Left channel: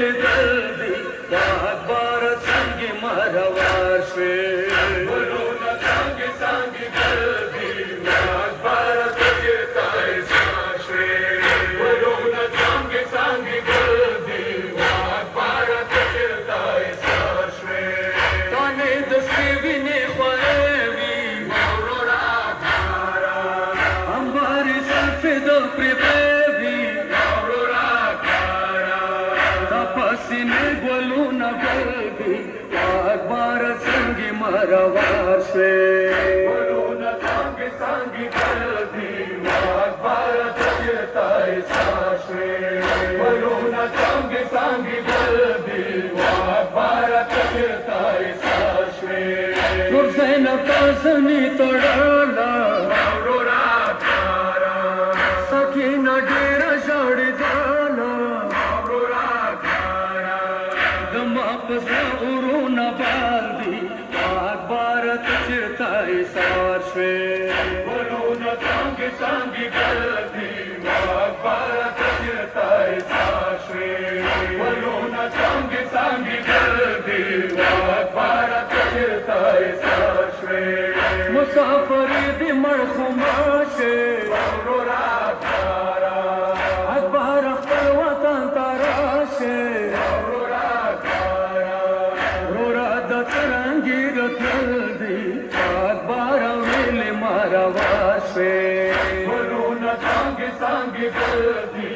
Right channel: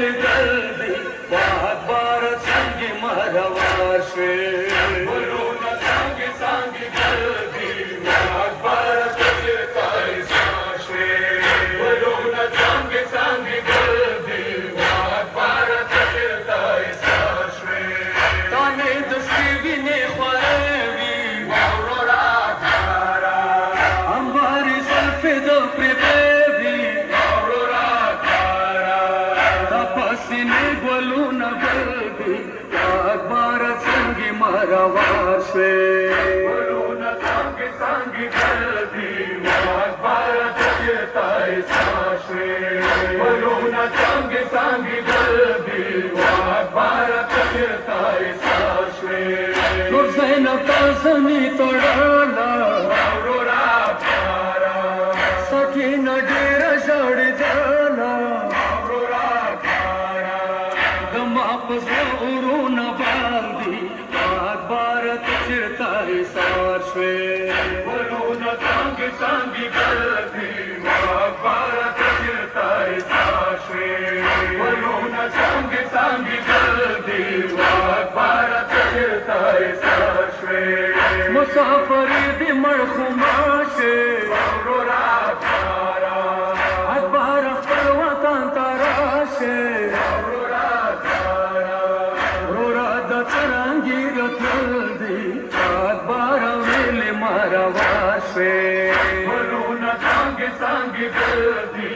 لدردي باد بار څنګه مروار شوي ګلونه څنګه څنګه دردي باد بار څنګه تایسار شوي ګلونه څنګه څنګه دردي باد بار څنګه تایسار شوي تانه د سوینه خوایوي اورورا کارا اموار سلفد پربوي اورورا کارا تپسینه ګلونه بلدي اکبر څنګه مروار شوي ګلونه څنګه څنګه دردي اکبر څنګه تایسار شوي ګلونه څنګه څنګه دردي اکبر څنګه تایسار شوي نور زینب تاسمي توړالا اورورا کارا سکینه ډېر ژړېدله اورورا کارا دما پس ورونه باندې اکبر چېرته ایسار شوي ګلونه څنګه څنګه ګلدي اکبر چېرته ایسار شوي ګلونه څنګه څنګه ګلدي اکبر چېرته ایسار شوي مسافر دې مړ خماشه اورورا کارا اکبر خپل وطن ته راشه اورورا کارا اورورا د څرنګې راتلل دي اکبر ویلې مروار شوي ګلونه څنګه څنګه ګلدي